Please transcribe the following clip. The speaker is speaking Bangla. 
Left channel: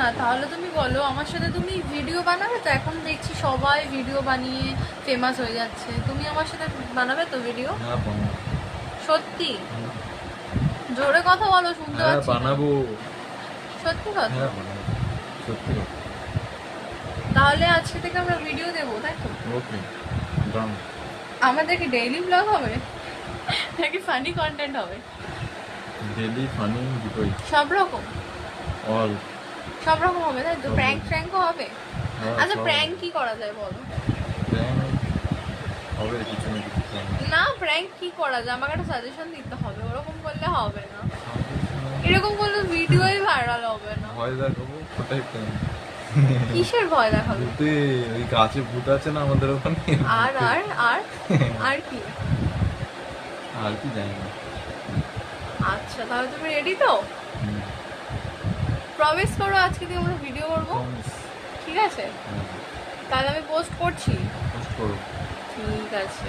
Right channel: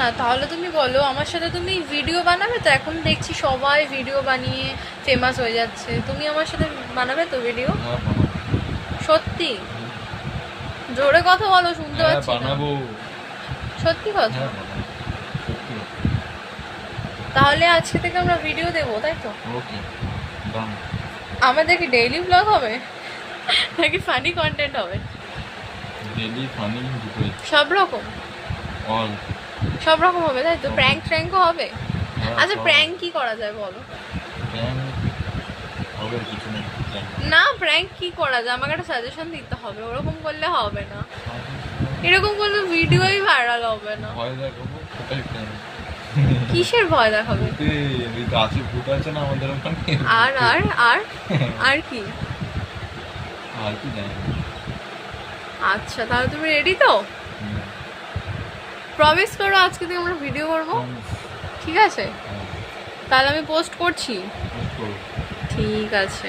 না, তাহলে তুমি বলো আমার সাথে তুমি ভিডিও বানাবে তো? এখন দেখছি সবাই ভিডিও বানিয়ে ফেমাস হয়ে যাচ্ছে, তুমি আমার সাথে বানাবে তো ভিডিও? হ্যাঁ বানাবো। সত্যি? জোরে কথা বলো, শুনতে হ্যাঁ পাচ্ছি না। বানাবো। সত্যি কথা? হ্যাঁ বানাবো, সত্যি কথা। তাহলে আজকে থেকে আমরা ভিডিও দেবো, তাই তো? ওকে ডান। আমাদের কি ডেইলি ব্লগ হবে নাকি ফানি কন্টেন্ট হবে? ডেলি ফানি দুটোই। সব রকম? অল। সব রকম হবে তাই তো? সব প্র্যাঙ্ক রকম। ট্র্যাঙ্কও হবে? হ্যাঁ আচ্ছা, সব প্র্যাঙ্ক কি করা যায় বলো? প্ল্যান হবে কিছু না কিছু প্ল্যান। না, প্র্যাঙ্ক কি করা যায় আমাকে একটা সাজেশন দিতে হবে, ওরকম করলে হবে না। এরকম করলে ভিডিওই ভাইরাল হবে না। ভয় দেখাবো, ওটাই প্ল্যান। কিসের ভয় দেখাবে? ভূতে, ওই গাছে ভূত আছে না আমাদের ওখানে। আর আর আর আর কি? আর কি জানি না। আচ্ছা, তাহলে তুমি রেডি তো? হুম। প্রমিস করো আজকে থেকে আমরা ভিডিও করবো, Promise. ঠিক আছে? হ্যাঁ, তাহলে আমি পোস্ট করছি। post করো। ঠিক আছে।